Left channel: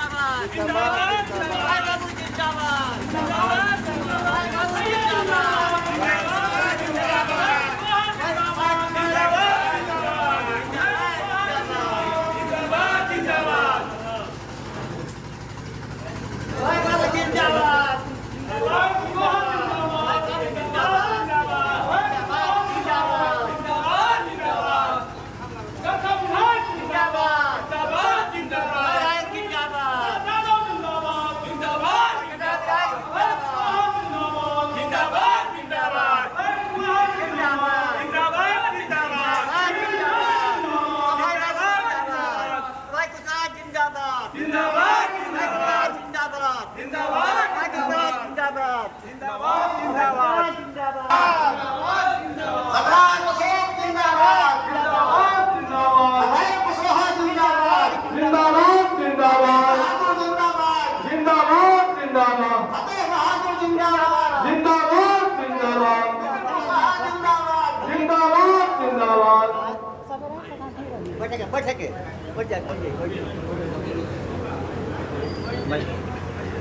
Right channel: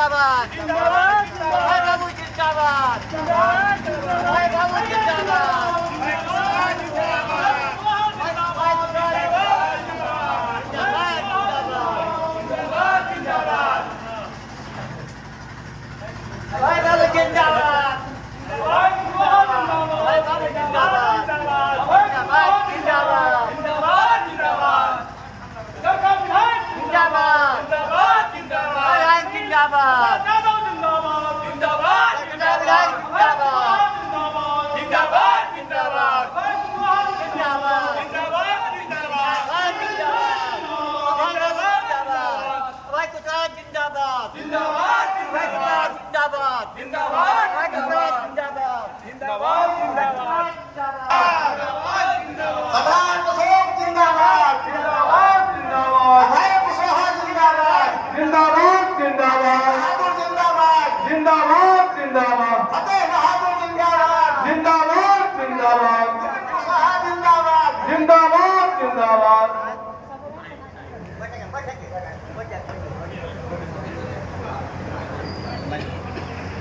जिंदाबाद जिंदाबाद भाई बाबू जिंदाबाद जिंदाबाद भाई बाबू जिंदाबाद भाई बाबू जिंदाबाद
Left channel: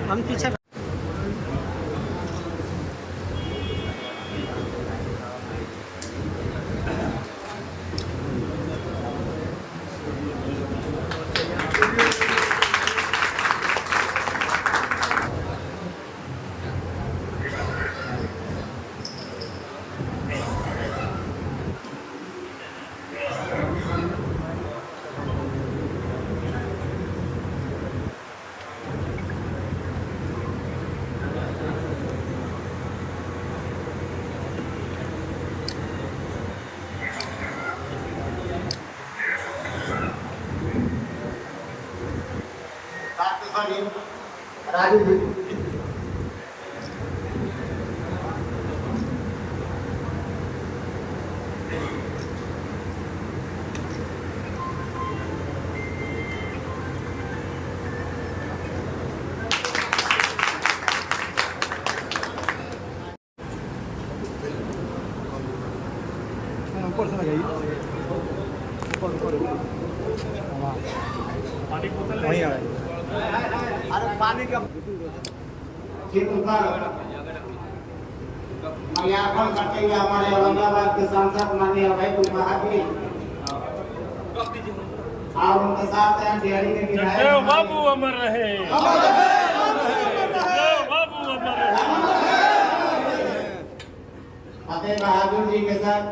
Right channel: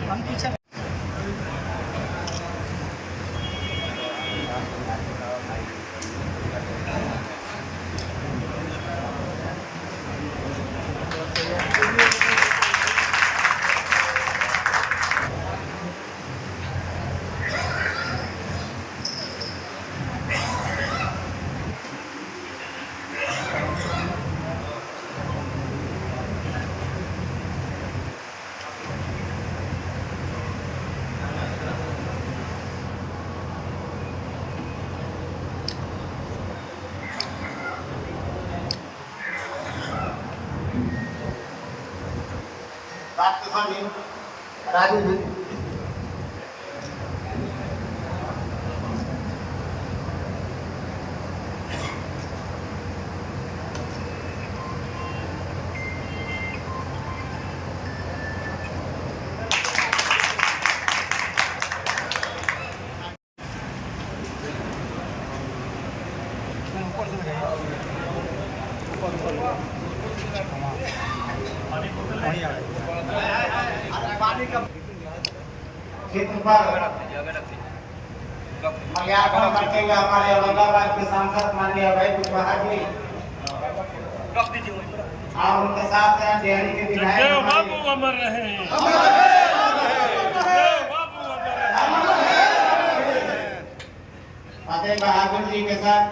हम पीछे राजू पानी का क्षेत्र पर माल्यार्पण करते हुए हमारे औरंगाबाद के सांसद माननीय अभय कुशवाहा जी और उनके साथ डेयरी के विधायक बाबू अमर रहे, बाबू अमर रहे। फतेह बहादुर जी के साथ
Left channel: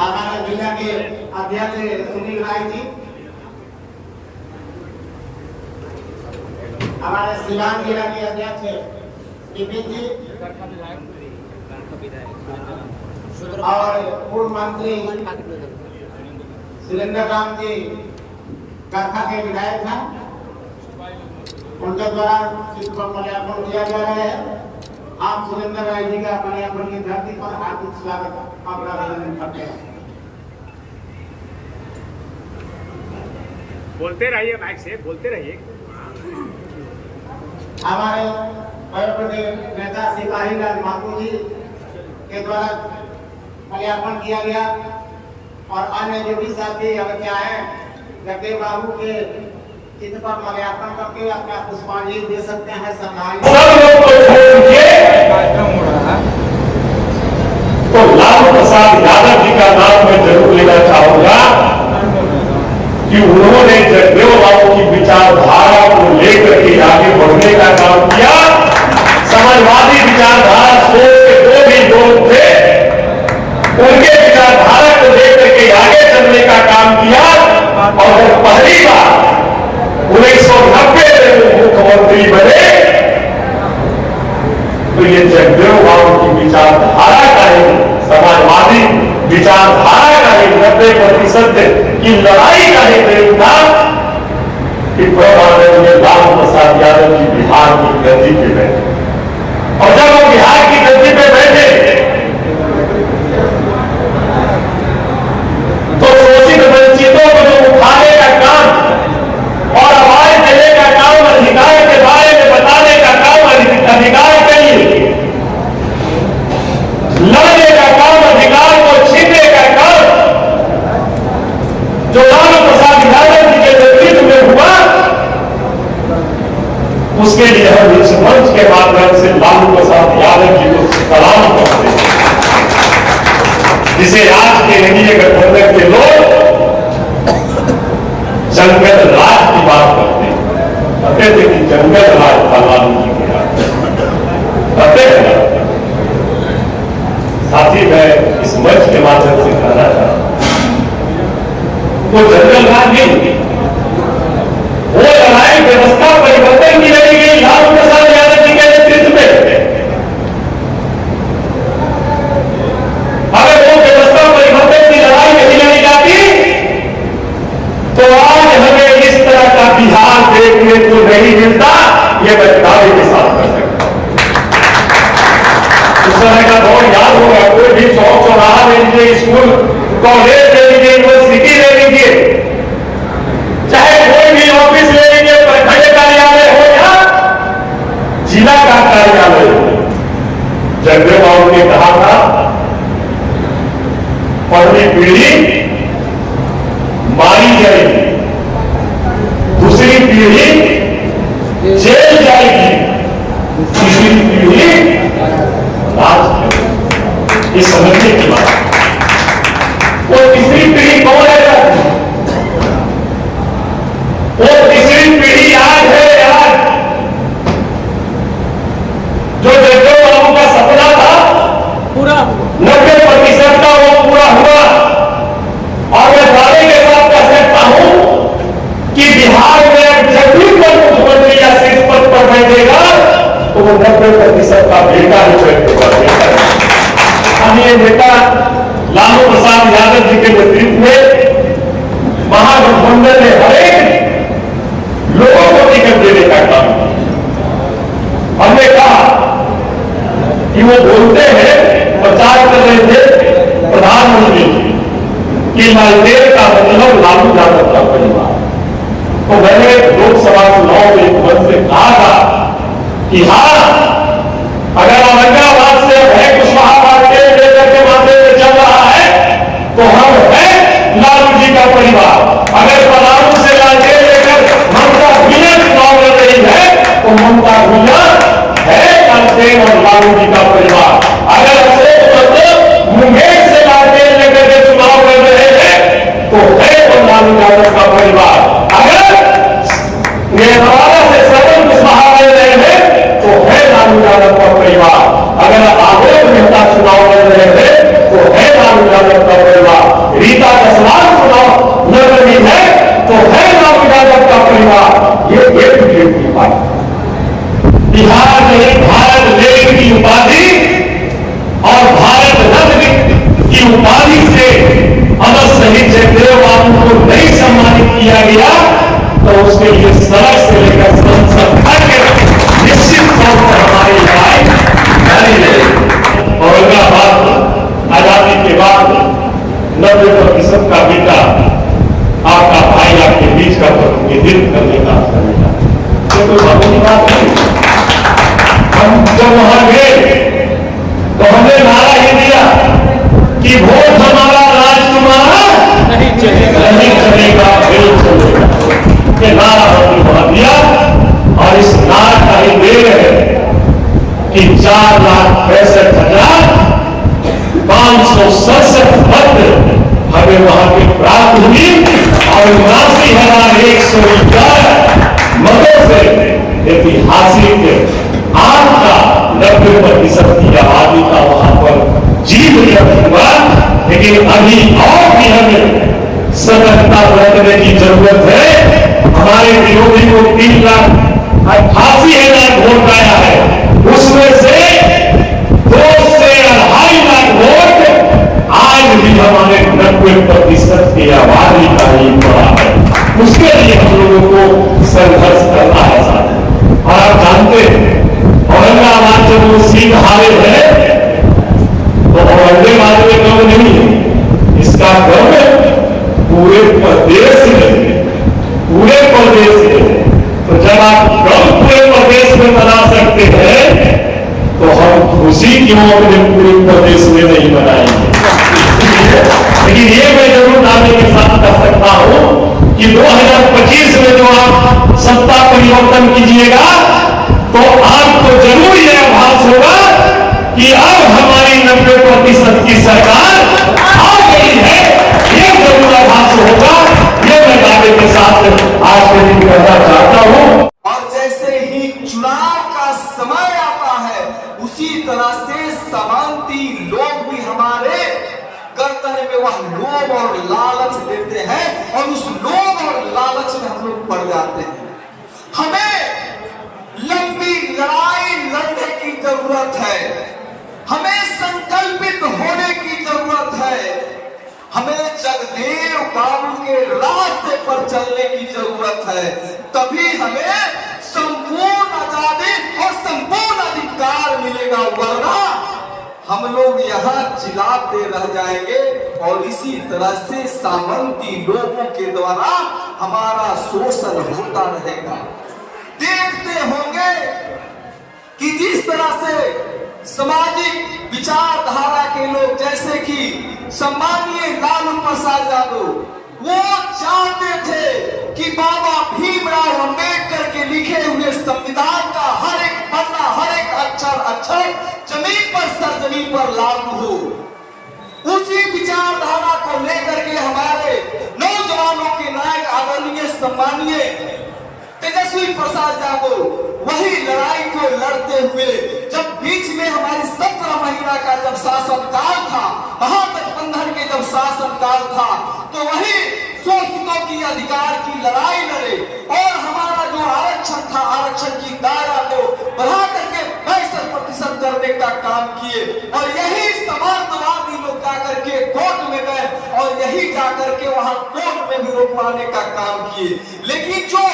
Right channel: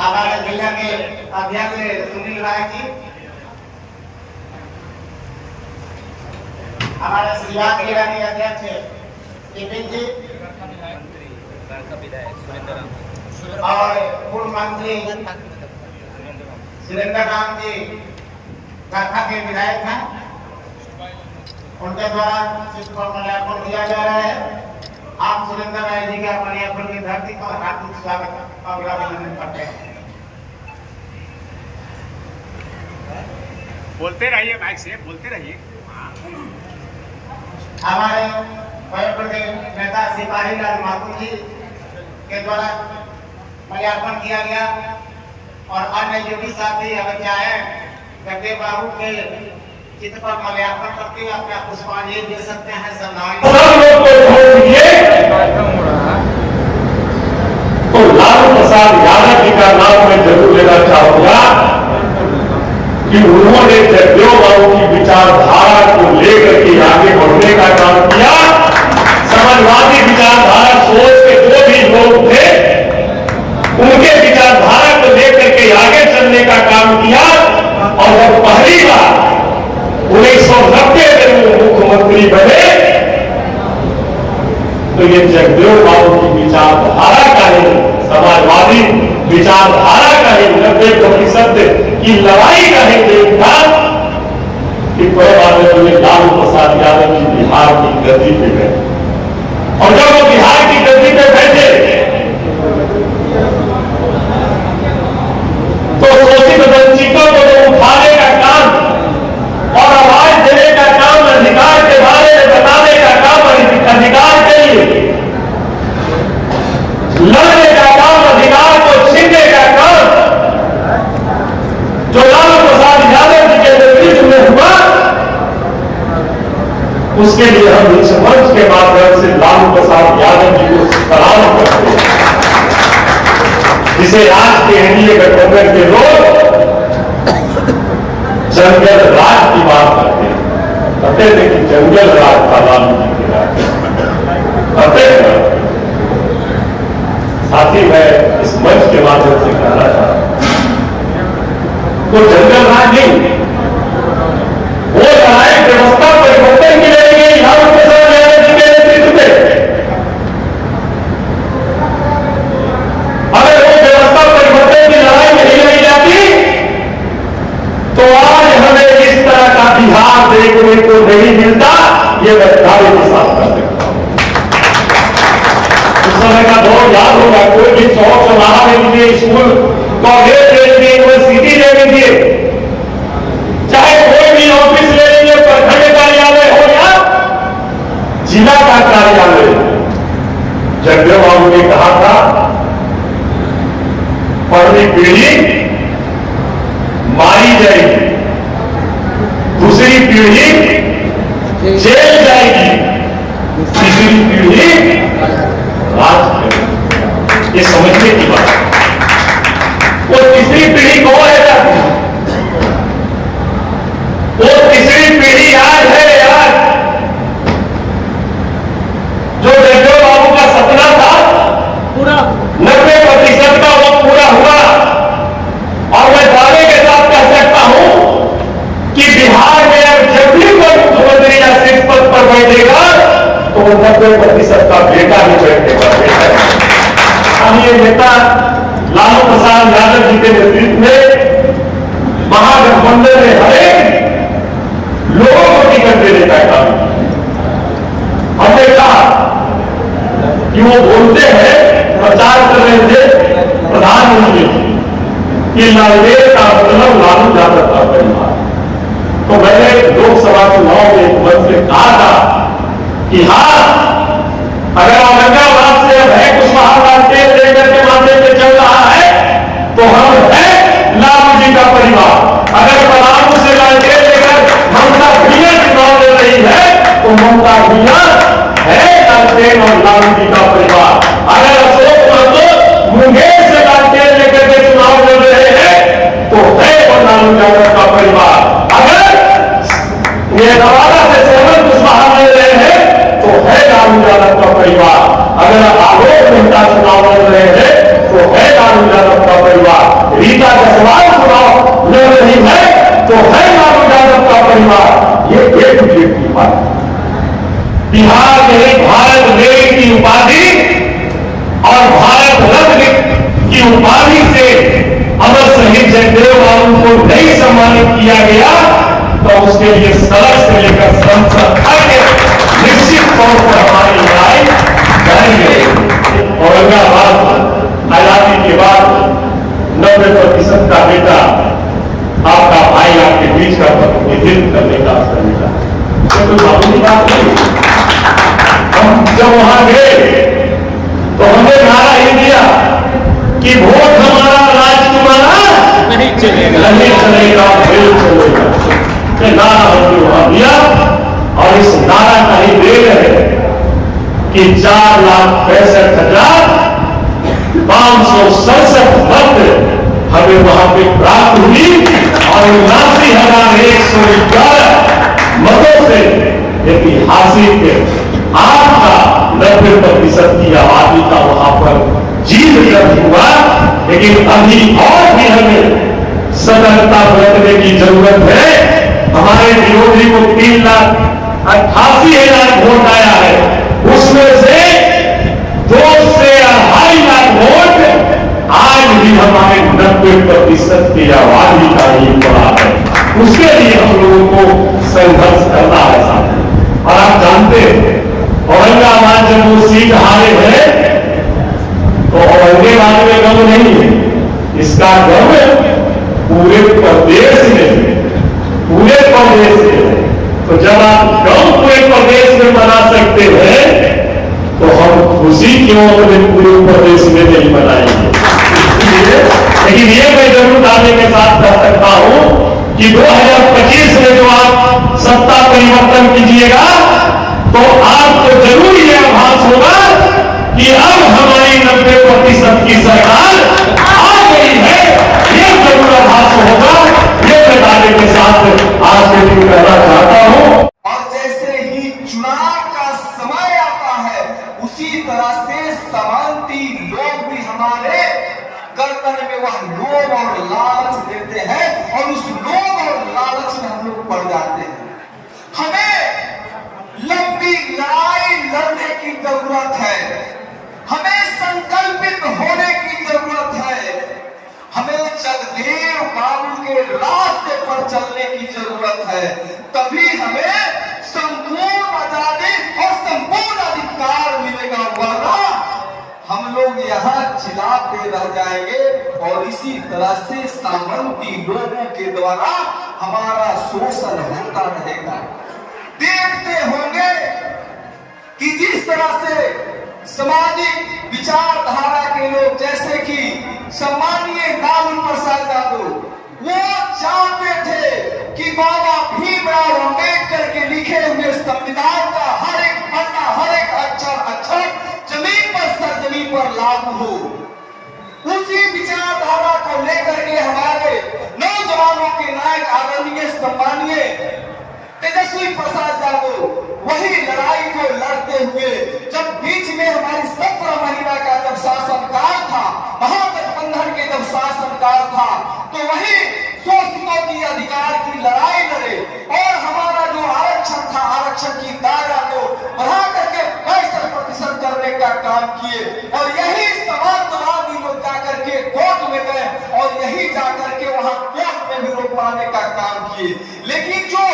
हमारे जिला के अध्यक्ष सुनील राय जी, हमारे सिवान जिला के अध्यक्ष विपिन जी और पूर्व मंत्री सुरेंद्र राम जी गरखा के विधायक हैं, उनके द्वारा चित्र पर माल्यार्पण किया जा रहा है। आप सुरेंद्र राय जी का अपने अपनी धरती पर हार्दिक स्वागत और अभिनंदन करते हैं। बोलते रहिए, माइक से बोलते रहिए। हमारे वयोवृद्ध नेता सिपाही लाल महतो जी के द्वारा माल्यार्पण किया गया और अन्य जो भी साथी अगर चाहे गड्ढे बाबू के चित्र पर माल्यार्पण करके अपना पुष्पांजलि दे सकते हैं। तो लालू प्रसाद यादव जी का नाम मैं जरूर लेना चाहूंगा कि उन्होंने जगदेव बाबू की विचारधारा को लेकर के आगे बढ़ने का काम किया। समाजवादी विचारधारा सोच के जो भी लोग थे उनके विचारधारा को लेकर के आगे चलने का काम किया और जब पहली बार 1990 में वो मुख्यमंत्री बने तो ये जगदेव बाबू की विचारधारा का ही, समाजवादी विचारधारा का ही 90% की लड़ाई का ही देन था कि लालू प्रसाद यादव जी बिहार की गद्दी पे बैठे। और जब वो बिहार की गद्दी पे बैठे तो शोषित वंचितों को जो उठाने का काम और आवाज देने का काम, अधिकार के बारे में बताने का काम, अधिकार के लिए लड़ने का काम, अधिकार को छीनने का काम जो उसके लिए हम इस मंच के माध्यम से लालू प्रसाद यादव जी को सलाम करते हैं, जिसे आज के एनडीए गठबंधन के लोग जंगल राज की बात करते हैं। कहते थे कि जंगल राज था लालू जी के राज, कहते हैं। साथी मैं इस मंच के माध्यम से कहना चाहता हूं, तो जंगल राज नहीं, वो लड़ाई व्यवस्था परिवर्तन की लड़ी गई लालू प्रसाद यादव जी के नेतृत्व में। अगर वो व्यवस्था परिवर्तन की लड़ाई नहीं लड़ी जाती तो आज हमें इस तरह का बिहार देखने को नहीं मिलता, ये मैं दावे के साथ कर सकता हूं। उस समय का दौर याद होगा, कोई भी चौक चौराहा ले लीजिए, स्कूल कॉलेज ले लीजिए, यूनिवर्सिटी ले लीजिए, चाहे कोई भी ऑफिस ले लीजिए, प्रखंड कार्यालय हो या जिला का कार्यालय हो, जगदेव बाबू ने कहा था पहली पीढ़ी मारी जाएगी, दूसरी पीढ़ी जेल जाएगी, तीसरी पीढ़ी राज करेगी। ये समझने की बात है। और तीसरी पीढ़ी कौन है जाती? और तीसरी पीढ़ी आज है, आज जो जगदेव बाबू का सपना था पूरा 90% का वो पूरा हुआ। और मैं दावे के साथ कह सकता हूं कि बिहार में जब भी कोई मुख्यमंत्री या शीर्ष पद पर बैठेगा तो वो 90% का बेटा ही बैठेगा। स्थानीय नेता लालू प्रसाद यादव जी के नेतृत्व में महागठबंधन ने हरेक लोगों को टिकट देने का काम किया। हमने कहा कि वो बोलते हैं, प्रचार कर रहे थे प्रधानमंत्री जी कि लालदेव का मतलब लालू यादव का परिवार। तो मैंने लोकसभा चुनाव में एक मंच से कहा था कि हाँ, अगर औरंगाबाद से अब है कुशवाहा लालटेन लेकर के माध्यम से चल रहा है तो हम है लालू जी का परिवार। अगर पलामू से लालटेन लेकर ममता भुइयां चुनाव लड़ रही है तो ममता भुइयां है लालटेन और लालू जी का परिवार। अगर अशोक महतो मुंगेर से लालटेन लेकर के चुनाव लड़ रहे हैं तो है वो लालू यादव का परिवार। अगर ये नवादा से सरवन कुशवाहा लड़ रहे हैं तो है लालू यादव का परिवार। अगर आलोक मेहता चुनाव लड़ रहे हैं तो है लालू यादव का परिवार। रीता जसवाल चुनाव लड़ रही है तो है लालू यादव का परिवार। ये एक की उपाधि बिहार में भारत रत्न की उपाधि और भारत रत्न की उपाधि से अमर शहीद जगदेव बाबू को नहीं सम्मानित किया गया तो उसके लिए सड़क से लेकर संसद तक निश्चित तौर पर हमारी लड़ाई जारी रहेगी। औरंगाबाद आजादी के बाद 90% का बेटा आपका भाई आपके बीच का प्रतिनिधित्व करने का अवसर मिला। ये कोई मामूली बात नहीं। हम जब वहां गए तो हमने नारा ही दिया कि वोट हमारा, राज तुम्हारा नहीं चलेगा, बिल चलेगा। ये नारा हमने वहां दिया और इस नारा का ही देव है कि 4,65,567 मत हमें वहां के प्राप्त हुई और 79,111 मतों से ऐतिहासिक आपका 90% की आबादी का वहां पर जीत दर्ज हुआ। लेकिन अभी और भी हमें सतर्कता बरतने की जरूरत है। हमारे विरोधी को 3,88,000 वोट आया है, उसमें से 2 से 2.5 लाख वोट आज भी हमारे 90% की आबादी का ही पड़ा है। उसके लिए हम लोगों को संघर्ष करना है साथ। और आप जानते हैं औरंगाबाद जब वो सीट हारे हैं तो औरंगाबाद में गम नहीं है, इसका गम पूरे प्रदेश में है, पूरे प्रदेश में है। तो जब आप गम पूरे प्रदेश में बना सकते हैं तो हम खुशी क्यों अपने पूरे प्रदेश में नहीं बनाएंगे। लेकिन ये मैं जरूर दावे के साथ कर सकता हूं कि 2025 में जो आप सत्ता परिवर्तन कीजिएगा तो आपको जरूर यह आभास होगा कि अब हमारी 90% की सरकार आ गई है। यह जरूर आभास होगा। यह मैं दावे के साथ आज के दिन कहना चाहता हूं। और जैसे ही चुनाव का समय आता है, उसी तरह से समांती लोग भी हमारे गर्दन में वह लोभ और लालच देते हैं और उस लोभ और लालच में हम लोग पड़ जाते हैं। हमें लंबी लड़ाई लड़ने की जरूरत है, हमें संकल्पित होने की जरूरत है, हमें जगदेव बाबू के रास्ते पर चलने की जरूरत है। तभी हमें संपूर्ण आजादी और संपूर्ण अधिकार मिलेगा, वरना हम लोग यहाँ चिल्लाते रह जाएंगे और इसी तरह से सामंती लोगों के द्वारा हमारा शोषण होता रहेगा। देखते होंगे कि जिस तरह से सामाजिक विचारधारा के लोग, जैसे कि सम्मानीय लालू प्रसाद यादव, वो चाहते थे कि बाबा भीमराव अम्बेडकर के लिखे हुए संविधान का हर एक पन्ना, हर एक अक्षर जमीन पर, सरजमीन पर लागू हो। उसी विचारधारा को लेकर के हमारे नौजवानों के नायक आदरणीय सम्मानीय तेजस्वी प्रसाद यादव वही लड़ाई को लड़ते हुए, जब बीच में हमारी 17 महीना का जब शासनकाल था, महागठबंधन के जब शासनकाल था, तो वही शोषितों की अधिकार की लड़ाई लड़े और हमारा जो आरक्षण था, आरक्षण की दायरा को बढ़ा करके 65% करने का काम किए। और यही समाजवादी लोग जाकर के कोर्ट में गए और यही जाकर के वहां कोर्ट में भी रोकवाने का काम किए। लेकिन जो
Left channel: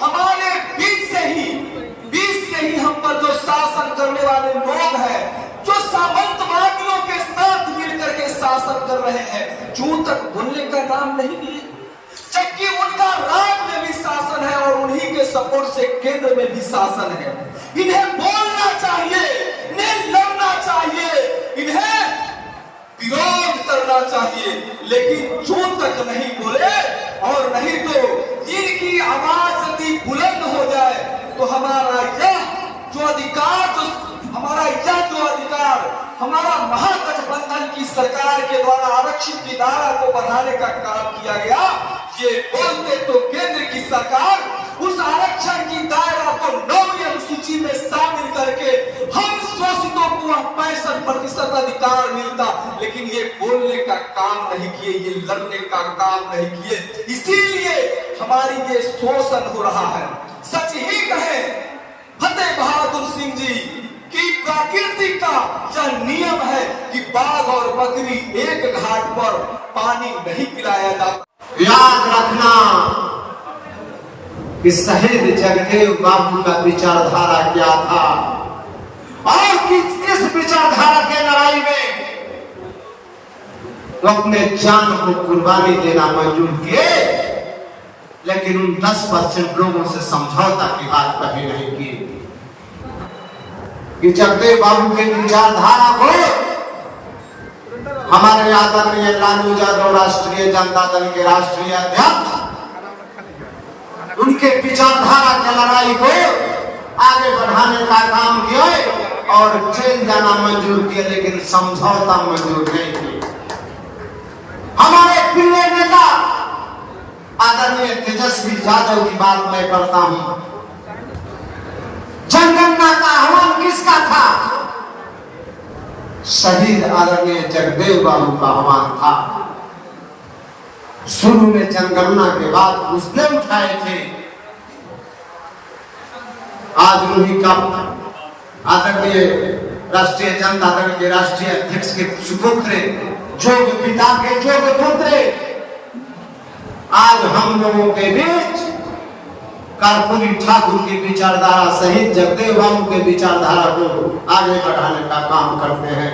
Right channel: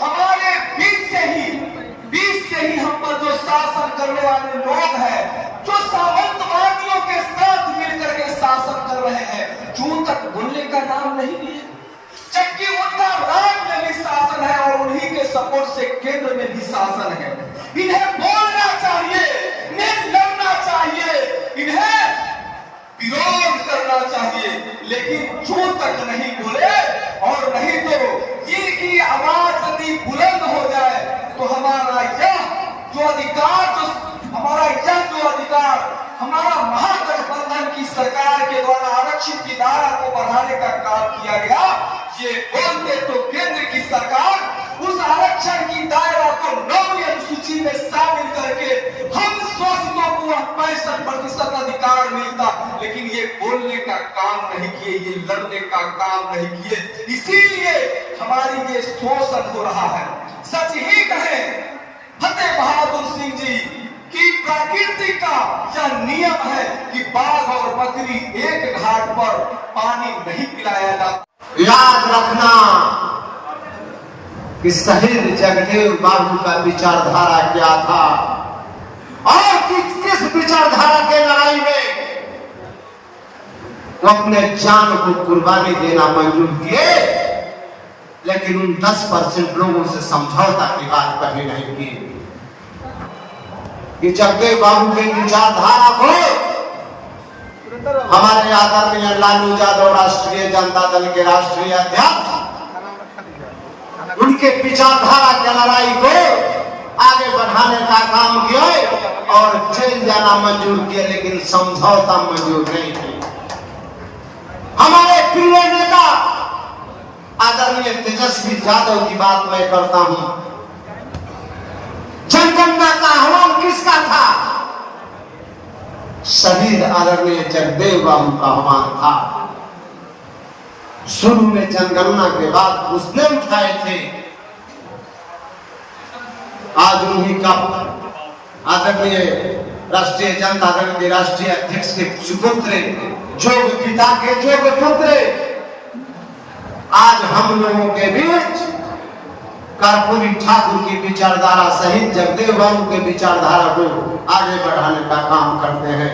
हमारे बीच से ही हम पर जो शासन करने वाले लोग हैं, जो सामंतवादियों के साथ मिलकर के शासन कर रहे हैं, जून तक बोलने का नाम नहीं लिए, जबकि उनका राज्य में भी शासन है और उन्हीं के सपोर्ट से केंद्र में भी शासन है। इन्हें बोलना चाहिए, इन्हें लड़ना चाहिए, इन्हें विरोध करना चाहिए, लेकिन जून तक नहीं बोले। और नहीं तो इनकी आवाज यदि बुलंद हो जाए तो हमारा यह जो अधिकार हमारा महागठबंधन की सरकार के द्वारा आरक्षित की दायरा को बढ़ाने का काम किया गया, ये बोलते तो केंद्र की सरकार उस आरक्षण की दायरा को 9वीं अनुसूची में शामिल करके हम शोषितों को 65% अधिकार मिलता, लेकिन ये बोलने का काम नहीं किए, ये लड़ने का काम नहीं किए। इसीलिए हमारी ये शोषण हो रहा है। सच ही कहे फतेह बहादुर सिंह जी कि प्रकृति का यह नियम है कि बाघ और बकरी एक घाट पर पानी नहीं पिलाया जाता। याद रखना कि शहीद जगदेव बाबू का विचारधारा क्या था और किस विचारधारा के लड़ाई में वो अपने जान को कुर्बानी देना मंजूर किए, लेकिन उन 10% लोगों से समझौता की बात कभी नहीं की। कि जगदेव बाबू की विचारधारा को हमारे आदरणीय लालू यादव राष्ट्रीय जनता दल के राष्ट्रीय अध्यक्ष उनके विचारधारा की लड़ाई को आगे बढ़ाने का काम किया और जेल जाना मंजूर किया, लेकिन समझौता मंजूर नहीं किया। हमारे प्रिय नेता आदरणीय तेजस्वी यादव की बात मैं करता हूं। जनगणना का आह्वान किसका था? शहीद आदरणीय जगदेव बाबू का आह्वान था। शुरू में जनगणना के बाद उसने उठाए थे। आज उन्हीं का आदरणीय राष्ट्रीय जनता दल के राष्ट्रीय अध्यक्ष के सुपुत्र, जोग पिता के जोग पुत्र, आज हम लोगों के बीच कर्पूरी ठाकुर की विचारधारा सहित जगदेव बाबू के विचारधारा को आगे बढ़ाने का काम करते हैं।